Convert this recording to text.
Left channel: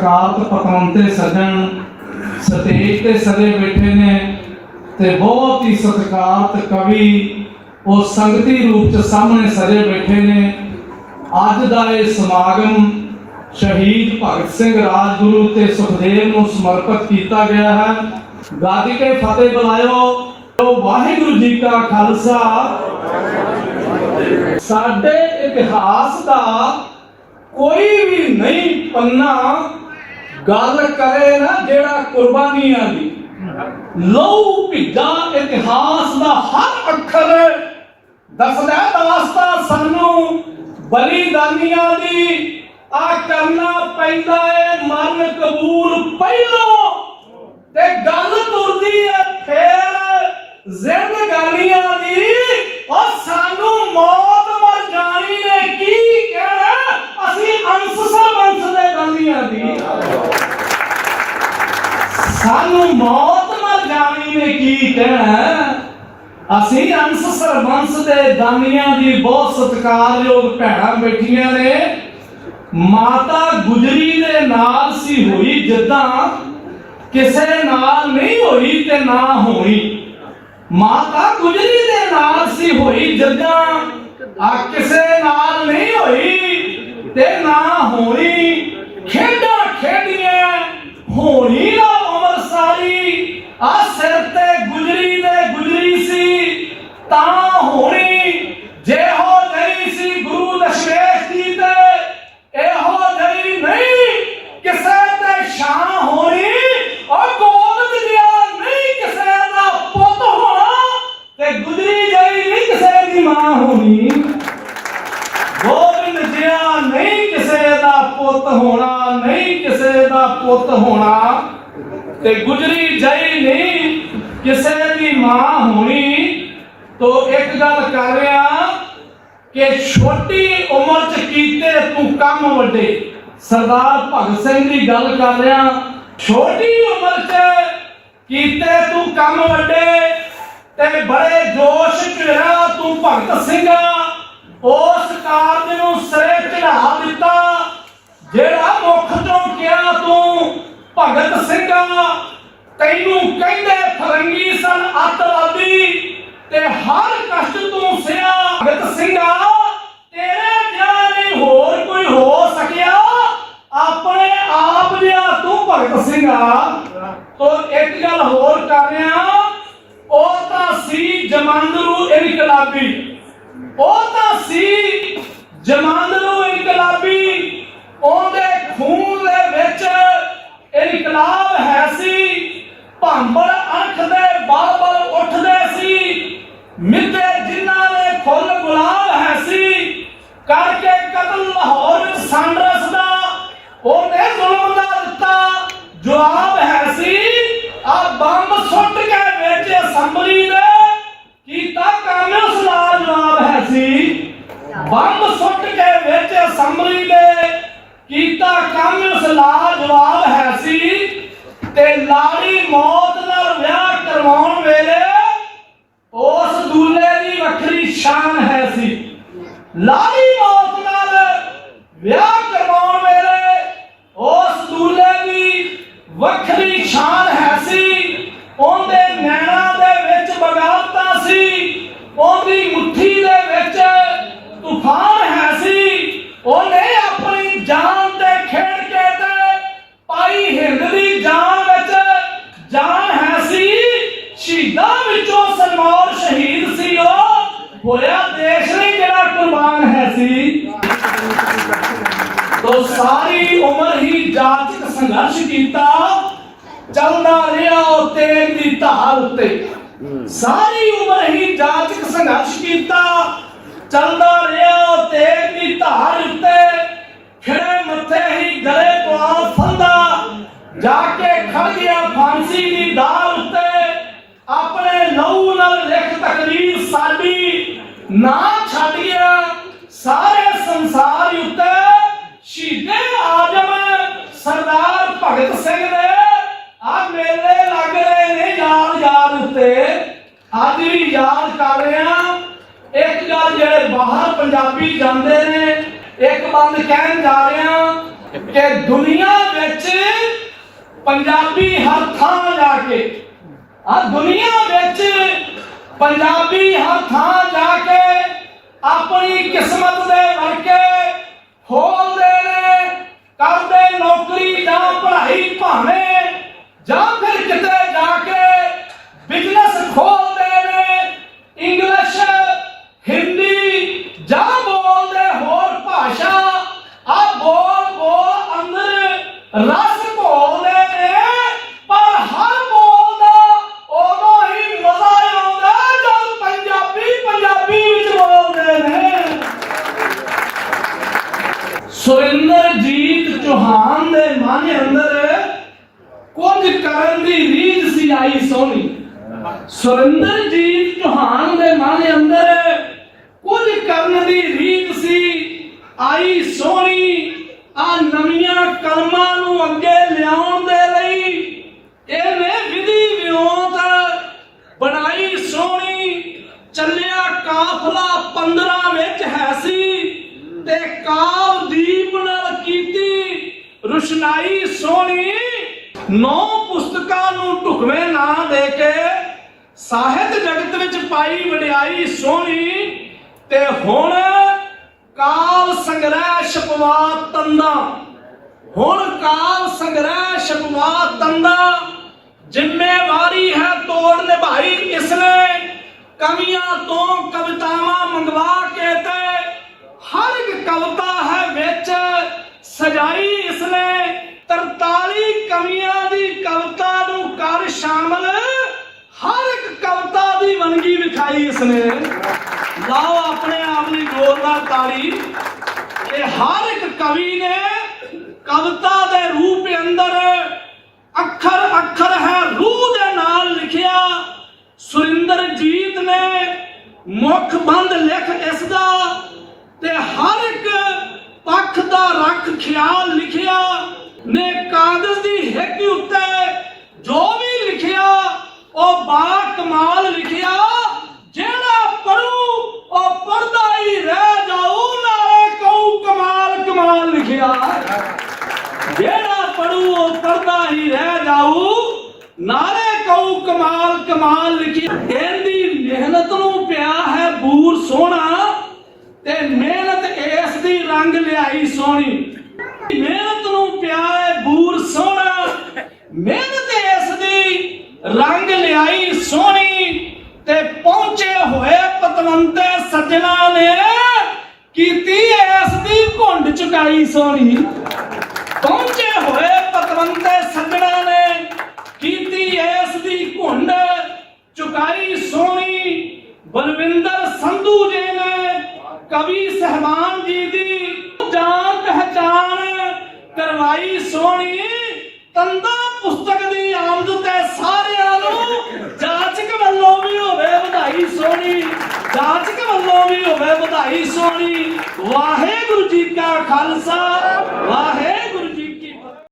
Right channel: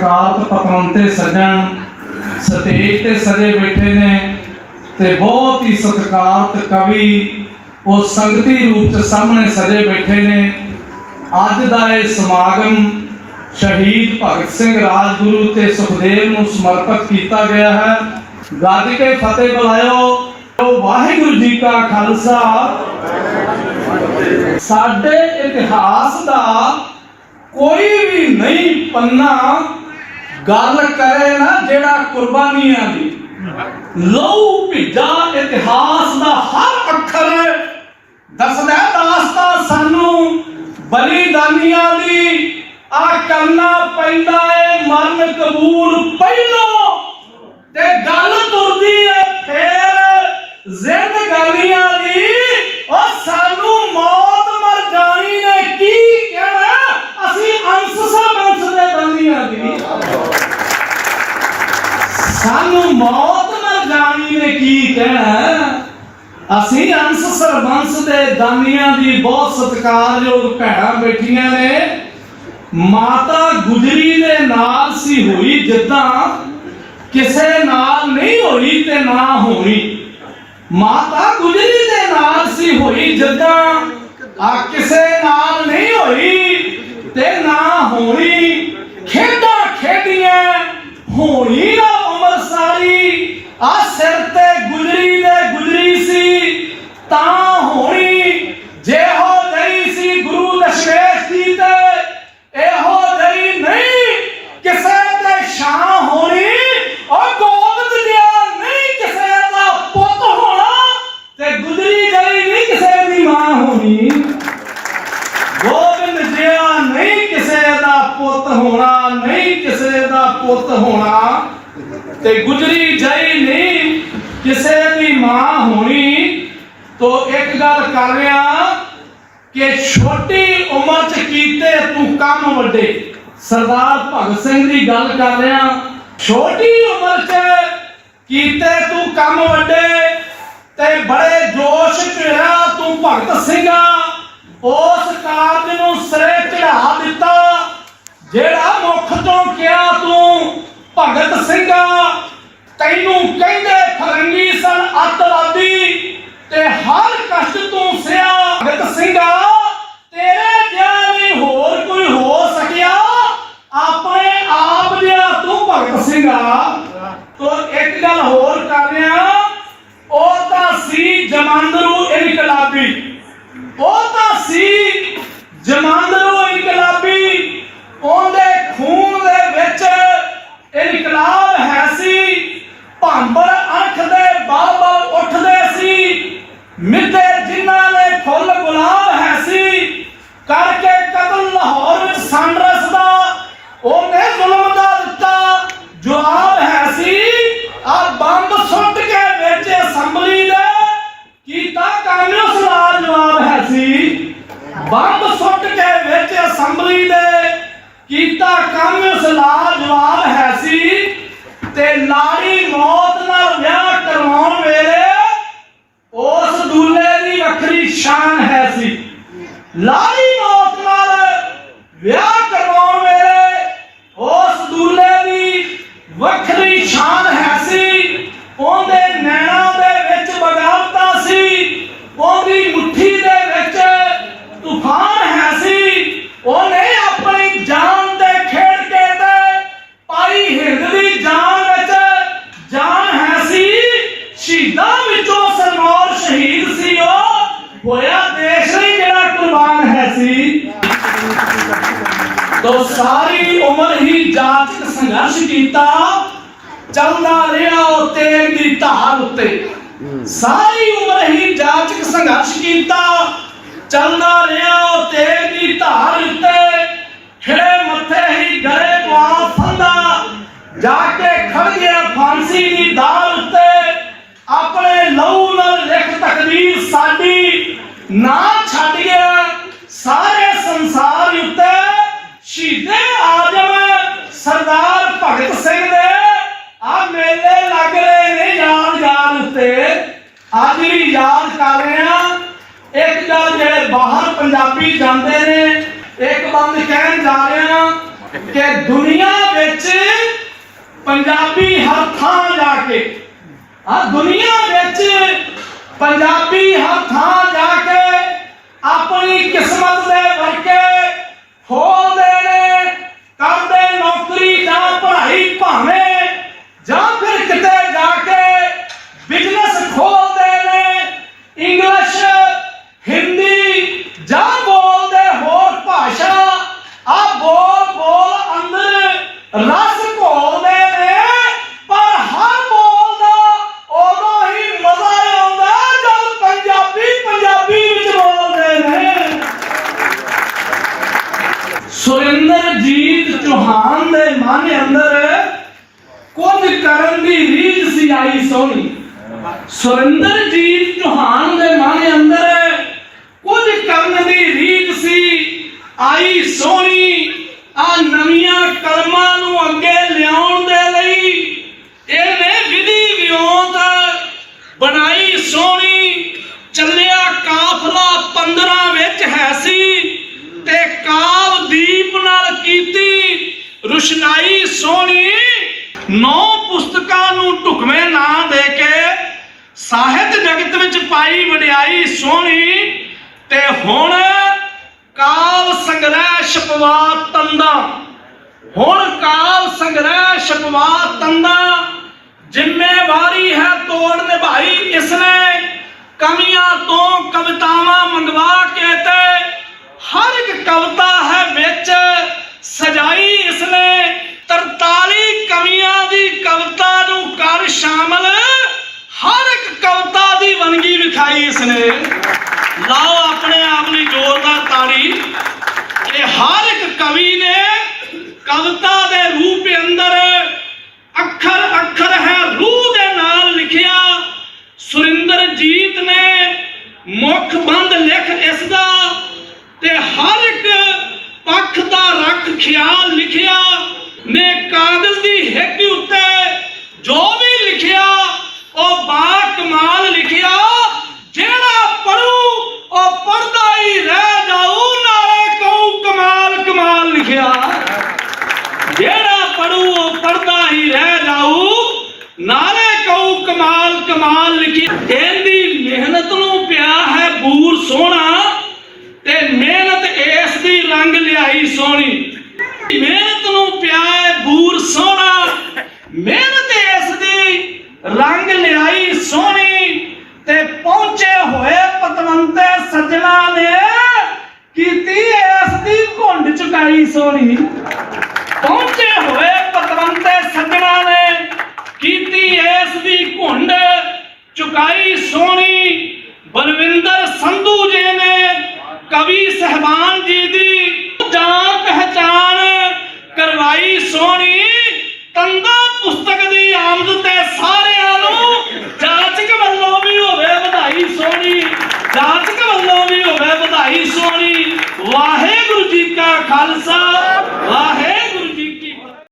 ਸਤਿਕਾਰਤ ਪਤਵੰਤੇ ਸੱਜਣ ਸਟੇਜ ਤੇ ਸਜੇ ਬੈਠੇ ਨੇ ਤੇ ਬਹੁਤ ਹੀ ਸਤਿਕਾਰਤ ਕਵੀ, ਉਹ ਸੰਗਤੀ ਰੂਪ ਚ ਸਾਹਮਣੇ ਸਜੇ ਬੈਠੇ ਨੇ। ਅੱਜ ਦਾ ਇਹ ਸਮਾਗਮ ਸ਼ਹੀਦ ਭਗਤ ਸਿੰਘ ਰਾਜਗੁਰੂ ਤੇ ਸੁਖਦੇਵ ਨੂੰ ਸਮਰਪਿਤ ਕੀਤਾ ਗਿਆ ਹੈ। ਗੱਜ ਕੇ ਫਤਿਹ ਬੁਲਾਇਓ। ਵਾਹਿਗੁਰੂ ਜੀ ਕਾ ਖਾਲਸਾ। ਸਾਡੇ ਇਤਿਹਾਸ ਦਾ ਕੋਈ ਵੀ ਨਹੀਂ ਪੰਨਾ ਗੱਲ ਕਰੇ ਨਾ ਜਿਹੜਾ ਕੁਰਬਾਨੀਆਂ ਦੀ ਲਹੂ ਭਿੱਜਾ ਇਤਿਹਾਸ ਦਾ ਹਰ ਅੱਖਰ ਦੱਸਦਾ ਹੈ ਦਾਸਤਾ ਸਾਨੂੰ ਬਲੀਦਾਨੀਆਂ ਦੀ ਆ ਕਰਨਾ ਪੈਂਦਾ ਏ ਮਨ ਕਬੂਲ ਪਹਿਲੋਂ ਤੇ ਗੱਲ ਤੁਰਦੀ ਏ ਫੇਰ ਜ਼ਿੰਦਗਾਨੀਆਂ ਦੀ ਉਹ ਸਾਨੂੰ ਮੌਤ ਮਰ ਜਾਣੀ ਨੇ ਕੀ ਕਹਿਣਾ ਅਸੀਂ ਅੰਸ ਸਰਬੰਸ ਦੇ ਦੰਦੀਆਂ ਦੀ ਸਾਨੂੰ ਮੌਤ ਮਰ ਜਾਣੀ ਨੇ ਕੀ ਕਹਿਣਾ ਅਸੀਂ ਅੰਸ ਸਰਬੰਸ ਦੇ ਦਾਨੀਆਂ ਦੀ ਬਹੁਤ ਸਤਿਕਾਰਯੋਗ ਭੈਣਾਂ ਬੈਠੀਆਂ ਨੇ। ਮਾਤਾ ਗੁਜਰੀ ਦੇ ਨਾਲ ਸੀ ਹੋਈ, ਜਿੱਦਾਂ ਕਿਸੇ ਨਾਲ ਨਹੀਂ ਹੋਈ ਤੇ ਨਾ ਹੋਣੀ। ਮਾਤਾ ਗੁਜਰੀ ਦੇ ਨਾਲ ਸੀ ਹੋਈ, ਜਿੱਦਾਂ ਆ ਕਿਸੇ ਨਾਲ ਨਹੀਂ ਹੋਈ ਤੇ ਨਾ ਹੋਣੀ ਖੇਡਾਂ ਖੇਡੀਆਂ ਹੋਣੀ ਨਾ ਉਮਰ ਸਾਰੀ ਆ ਸਿਰ ਤੇ ਗੁਜਰੀ ਦੇ ਗੁਜਰੀ ਸੀ ਤਾਂ ਹੋਣੀ ਜੇ ਹੋ ਨਹੀਂ ਸੀ ਗੁਰੂ ਦਸ਼ਮੇਸ਼ ਜੀ ਤੇ ਇਹੋ ਨਹੀਂ ਨਹੀਂ ਕਿਸੇ ਤੇ ਸ਼ਾਂ ਹੋਣੀ ਉਹ ਗੋਬਿੰਦ ਜਿਹਾ ਨਹੀਂ ਕਿਸੇ ਦਾ ਪੁੱਤ ਹੋਣਾ ਤੇ ਗੁਜਰੀ ਗਈ ਨਹੀਂ ਕਿਸੇ ਦੀ ਮਾਂ ਹੋਣੀ। ਗੋਬਿੰਦ ਜਿਹਾ ਨਹੀਂ ਕਿਸੇ ਦਾ ਪੁੱਤ ਹੋਣਾ, ਨਹੀਂ ਕਿਸੇ ਦਾ ਪੁੱਤ ਹੋਣਾ। ਤੇ ਗੁਜਰੀ ਜਈ ਨਹੀਂ ਕਿਸੇ ਦੀ ਮਾਂ ਹੋਣੀ। ਤੋ ਇੱਕ ਗੱਲ ਕਰ ਰਿਹਾ ਕਿ ਛੋਟੀ ਉਮਰ ਚ ਕੀਤੇ ਤੂੰ ਕੰਮ ਵੱਡੇ। ਸਰਦਾਰ ਭਗਤ ਸਿੰਘ ਦੀ ਗੱਲ ਕਰ ਰਿਹਾ, ਛੋਟੀ ਉਮਰ ਚ ਕੀਤੇ ਤੂੰ ਕੰਮ ਵੱਡੇ। ਤੇ ਬੜੇ ਜੋਸ਼ ਚ ਤੂੰ ਭਗਤ ਸਿੰਘਾ। ਉਸ ਕਾਰਜ ਨੂੰ ਸਿਰੇ ਚੜਾ ਦਿੱਤਾ, ਜਿਹੜਾ ਮੁੱਖ ਤੋਂ ਕਿਹਾ ਤੂੰ ਭਗਤ ਸਿੰਘਾ। ਤੈਨੂੰ ਕਹਿੰਦੇ ਫਰੰਗੀ ਸਨ ਅੱਤਵਾਦੀ ਤੇ ਹਰ ਕਸ਼ਟ ਤੂੰ ਸਿਆ ਭਗਤ ਸਿੰਘਾ। ਤੇਰੇ ਜਿਹਾ ਨਹੀਂ ਹੋਰ ਕੋਈ ਹੋ ਸਕਿਆ? ਆਪਣੇ ਆਪ ਜਿਹਾ ਤੂੰ ਭਗਤ ਸਿੰਘਾ। ਤੋ ਇੱਕ ਗੱਲ ਹੋਰ ਕਰ ਰਿਹਾ ਉਹ ਤਾਂ ਸੀ ਜਮਾਂਦਰੂ ਇਨਕਲਾਬੀ ਉਹ ਤਾਂ ਸੀ ਜਮਾਂਦਰੂ ਇਨਕਲਾਬੀ, ਉਹਦੇ ਖੂਨ ਦੇ ਵਿੱਚ ਇਨਕਲਾਬ ਹੈ ਸੀ। ਭਾਂਬਰ ਅੱਖ ਦੇ ਬਲ-ਬਲ ਉੱਠਦੇ ਸੀ। ਮਿੱਤੇ ਜਿਨ੍ਹਾਂ ਦੇ ਫੁੱਲ ਗੁਲਾਬ ਹੈ ਸੀ। ਕਰਕੇ ਕਤਲ ਲਾਹੌਰ ਵਿੱਚ ਸੰਡਰਸ ਦਾ, ਉਹਨੇ ਜ਼ੁਲਮ ਦਾ ਦਿੱਤਾ। ਜਵਾਬ ਹੈ ਸੀ ਆ ਬੰਬ ਸੁੱਟ ਕੇ ਵਿੱਚ ਅਸੈਂਬਲੀ ਦੇ ਕੀਤਾ ਕਾਂਗਰਸ ਦਾ ਜਵਾਬ ਹੈ ਸੀ ਬੰਬ ਸੁੱਟ ਕੇ ਵਿੱਚ ਅਸੈਂਬਲੀ ਦੇ ਕੀਤਾ ਕਾਂਗਰਸ ਦਾ ਜਵਾਬ ਹੈ ਸੀ ਤੇ ਲਾੜੀ ਮੌਤ ਨਾਲ ਵਿਆਹ ਕਰਵਾਉਣ ਵੇਲੇ ਉਸ ਦੂਲੇ ਦੀ ਵੱਖਰੀ ਸ਼ਾਨ ਹੈ ਸੀ। ਲਾੜੀ ਮੌਤ ਨਾਲ ਵਿਆਹ ਕਰਵਾਉਣ ਵੇਲੇ ਉਸ ਦੂਲੇ ਦੀ ਵੱਖਰੀ ਸ਼ਾਨ ਹੈ ਸੀ ਉਹਦੇ ਨੈਣਾ ਦੇ ਵਿੱਚ ਬਗਾਵਤਾ ਸੀ ਉਹਦੀ ਮੁੱਠੀ ਦੇ ਵਿੱਚ ਤੂਫਾਨ ਹੈ ਸੀ ਉਹਨੇ ਆਪਣੀ ਜਾਨ ਦੇ ਖੇਡ ਕੇ ਤੇ ਪਾਈ ਹਿੰਦ ਦੀ ਜਾਨ ਵਿੱਚ ਜਾਨ ਹੈ ਸੀ ਸ਼ਹੀਦਾਂ ਵਿੱਚੋਂ ਸਰਮੌਰ ਸ਼ਹੀਦ ਸੀ ਉਹ ਹੋਇਆ ਦੇਸ਼ ਲਈ ਜਿਹੜਾ ਕੁਰਬਾਨ ਹੈ ਸੀ ਤੋ ਸਾਰੀ ਉਮਰ ਹੀ ਜਾਤਿਕ ਸੰਘਰਸ਼ ਕੀਤਾ ਚੱਲਦਾ ਰਿਹਾ ਉਹ ਤੇਗ ਦੀ ਧਾਰ ਉੱਤੇ। ਸਾਰੀ ਉਮਰ ਹੀ ਜਾਤਿਕ ਸੰਘਰਸ਼ ਕੀਤਾ ਚੱਲਦਾ ਰਿਹਾ ਉਹ ਤੇਗ ਦੀ ਧਾਰ ਉੱਤੇ। ਖਿੜੇ ਮੱਥੇ ਹੀ ਗਲੇ ਪਵਾ ਫੰਦਾ ਜਾ ਕੇ ਖੜ ਗਿਆ ਫਾਂਸੀ ਦੀ ਦਾਲ ਉੱਤੇ। ਆਪਣੇ ਲਹੂ ਨਾਲ ਲਿਖ ਤਕਦੀਰ ਸਾਡੀ ਨਾ ਛੱਡ ਗਿਆ ਸਾਰੇ ਸੰਸਾਰ ਉੱਤੇ। ਸ਼ਹੀਦੇ ਆਜਮ ਸਰਦਾਰ ਭਗਤ ਸਿੰਘ ਦੇ ਆ ਮੇਲੇ ਲੱਗ ਰਹੇ ਨੇ ਯਾਦ ਉੱਤੇ। ਅੱਜ ਵੀ ਯਾਦ ਕਰ ਰਹੇ ਹਾਂ। ਇੱਕ ਗੱਲ ਜਿਹੜੇ ਬਾਹਰ ਪੰਜਾਬੀ ਜਾਂਦੇ ਨੇ, ਇੱਕ ਬੰਦ ਕਹਿਣ ਜਾ ਰਹੇ ਹਾਂ ਕਿ ਦੁਨੀਆ ਵਿੱਚ ਪੰਜਾਬੀ ਹਰ ਥਾਂ ਜਾ ਕੇ, ਆ ਦੁਨੀਆ ਵਿੱਚ ਪੰਜਾਬੀ ਹਰ ਥਾਂ ਜਾ ਕੇ ਆਪਣੀ ਕਿਸਮਤ ਦੇ ਵਰਕੇ ਖੋਲਦੇ ਨੇ ਕਰਦੇ ਨੌਕਰੀ ਜਾਂ ਪੜ੍ਹਾਈ ਭਾਵੇਂ ਜਾਂ ਫਿਰ ਕਿਤੇ ਜਾ ਕੇ ਬਿਜ਼ਨਸ ਖੋਲਦੇ ਨੇ ਇੰਗਲਿਸ਼ ਹਿੰਦੀ ਜਾਂ ਬੋਲਦੇ ਹੋਰ ਭਾਸ਼ਾ ਆ ਬੋਲ ਬੋਲ ਅੰਦਰ ਰਸ ਘੋਲਦੇ ਨੇ ਪਰ ਹਰ ਬੋਲ ਦਾ ਉਦੋਂ ਹੀ ਮਜ਼ਾ ਆਉਂਦਾ ਜਦ ਪੰਜਾਬੀ ਪੰਜਾਬੀ ਵਿੱਚ ਬੋਲਦੇ ਨੇ ਸੁਰਿੰਦਰਜੀਤ ਚੌਹਾਨ ਦੇ ਮਨ ਅੰਦਰ ਕੁਝ ਕਰਨ ਦੀ ਰੀਝ ਸੀ ਆਈ ਸੋਹਣੀ ਸੁਰਿੰਦਰਜੀਤ ਚੌਹਾਨ ਦੇ ਮਨ ਅੰਦਰ ਕੁਝ ਕਰਨ ਦੀ ਰੀਝ ਸੀ। ਆਈ ਸੋਹਣੀ, ਆ ਨਵੀਆਂ ਕਲਮਾਂ ਨੂੰ ਅੱਗੇ ਲਿਆਉਣ ਦੇ ਲਈ ਇਹਨੇ ਵਿਧੀ ਵਿਉਂਤ ਬਣਾਈ ਸੋਹਣੀ। ਚੱਲਿਆ ਕਾਫਲਾ 15 ਵਿੱਚ ਹੈ ਸੀ ਤੇ ਕਾਵ ਦੀਪ ਨਾਲ ਕੀਤੀ। ਰੁਸ਼ਨਾਈ ਸੋਹਣੀ, ਨੌ ਪੁਸਤਕਾਂ ਨੂੰ ਢੁਕਵੇਂ ਨਾਂ ਦੇ ਕੇ ਸਾਹਿਤ ਜਗਤ ਵਿੱਚ ਪਾਈ ਵਡਿਆਈ ਸੋਹਣੀ ਤੇ ਹੁਣ ਕਾਵ ਸੰਗ੍ਰਹਿ ਛਪਵਾ ਤੰਦਾ। ਹੁਣ ਕਾਲ ਸੰਗ੍ਰਹਿ ਛਪਵਾ ਤੰਦਾ। ਜ਼ਿੰਮੇਵਾਰੀ ਹੈ ਤੋੜ ਨਿਭਾਈ ਇਸਨੇ ਕਮੀਆਂ ਤੋਂ ਕਵਿਤਾਵਾਂ ਵੰਨਗੀ ਇਸਨੇ। ਲਾਓ ਆਪਣੇ ਆਪ ਲਈ ਜ਼ੋਰਦਾਰ ਤਾੜੀ। ਇਹ ਹਰ ਇੱਕ ਕਵੀ ਨੇ ਕਵਿਤਾ ਦੇ ਰੂਪ ਅੰਦਰ ਅੱਖਰ ਅੱਖਰ ਹੈ, ਰੂਹ ਦੇ ਨਾਲ ਲਿਖਿਆ। ਸੁਰਿੰਦਰਜੀਤ ਨੇ ਮੁੱਖ ਬੰਦ ਲਿਖ ਇਸ ਦਾ ਤੇ ਹਰ ਇੱਕ ਪੱਖ ਦਾ ਰੱਖ ਖਿਆਲ ਲਿਖਿਆ ਨੇ ਕਾਗਜ਼ ਦੀ ਹਿੱਕ ਉੱਤੇ ਜੋ ਵੀ ਲਿਖਿਆ ਉਹ ਬਾ ਕਮਾਲ ਲਿਖਿਆ ਜਿਹੜਾ ਪੜੂ ਉਹ ਪੜਦਾ ਹੀ ਰਹਿ ਜਾਊ ਨਾਲੇ ਕਹੂ ਕਮਾਲ ਕਮਾਲ ਲਿਖਿਆ ਜਿਹੜਾ ਪੜੂ ਉਹ ਪੜਦਾ ਹੀ ਰਹਿ ਜਾਊ ਨਾਲੇ ਕਹੂ ਕਮਾਲ ਕਮਾਲ ਲਿਖੀ ਇਹਦੀ ਮਿਹਨਤ ਨੂੰ ਪਿਆ ਹੈ ਬੂਰ ਸੋਹਣਾ ਤੇ ਮਿਹਨਤ ਇਸ ਦੀ ਰੰਗ ਲਿਆਈ ਸੋਹਣੀ। ਮਿਹਨਤ ਨੂੰ ਪਿਆ ਹੈ ਬੂਰ ਸੋਹਣਾ। ਮਿਹਨਤ ਇਸ ਦੀ ਰੰਗ ਲਿਆਈ ਸੋਹਣੀ ਤੇ ਪਹੁੰਚੇ ਹੋਏ ਪਤਵੰਤੇ ਸੱਜਣਾ ਨੇ ਕੀਤੀ ਇਸ ਦੀ ਘੁੰਡ ਚੁਕਾਈ ਸੋਹਣੀ ਪਹੁੰਚੇ ਹੋਏ ਪਤਵੰਤੇ ਸੱਜਣਾ ਨੇ ਕੀਤੀ ਇਸ ਦੀ ਘੁੰਡ ਚੁਕਾਈ ਸੋਹਣੀ ਬਲਵਿੰਦਰ ਸੰਧੂ ਜੀ ਨੇ ਕਵੀ ਸਹਿਬਾਨ ਜੀ ਦੀ ਜਾਣ ਪਹਿਚਾਨ ਕਰਵਾਈ ਸੋਹਣੀ ਤੰਦਾ ਪੁਸਤਕ ਦੀ ਆਮਦ ਤੇ ਸਾਰਿਆਂ ਨੂੰ ਜਾਚਕ ਵੱਲੋਂ ਵੀ ਹੋਵੇ ਵਧਾਈ ਸੋਹਣੀ, ਜਾਚਕ ਵੱਲੋਂ ਵੀ ਹੋਵੇ ਵਧਾਈ ਸੋਹਣੀ। ਵਾਹਿਗੁਰੂ ਜੀ ਕਾ ਖਾਲਸਾ।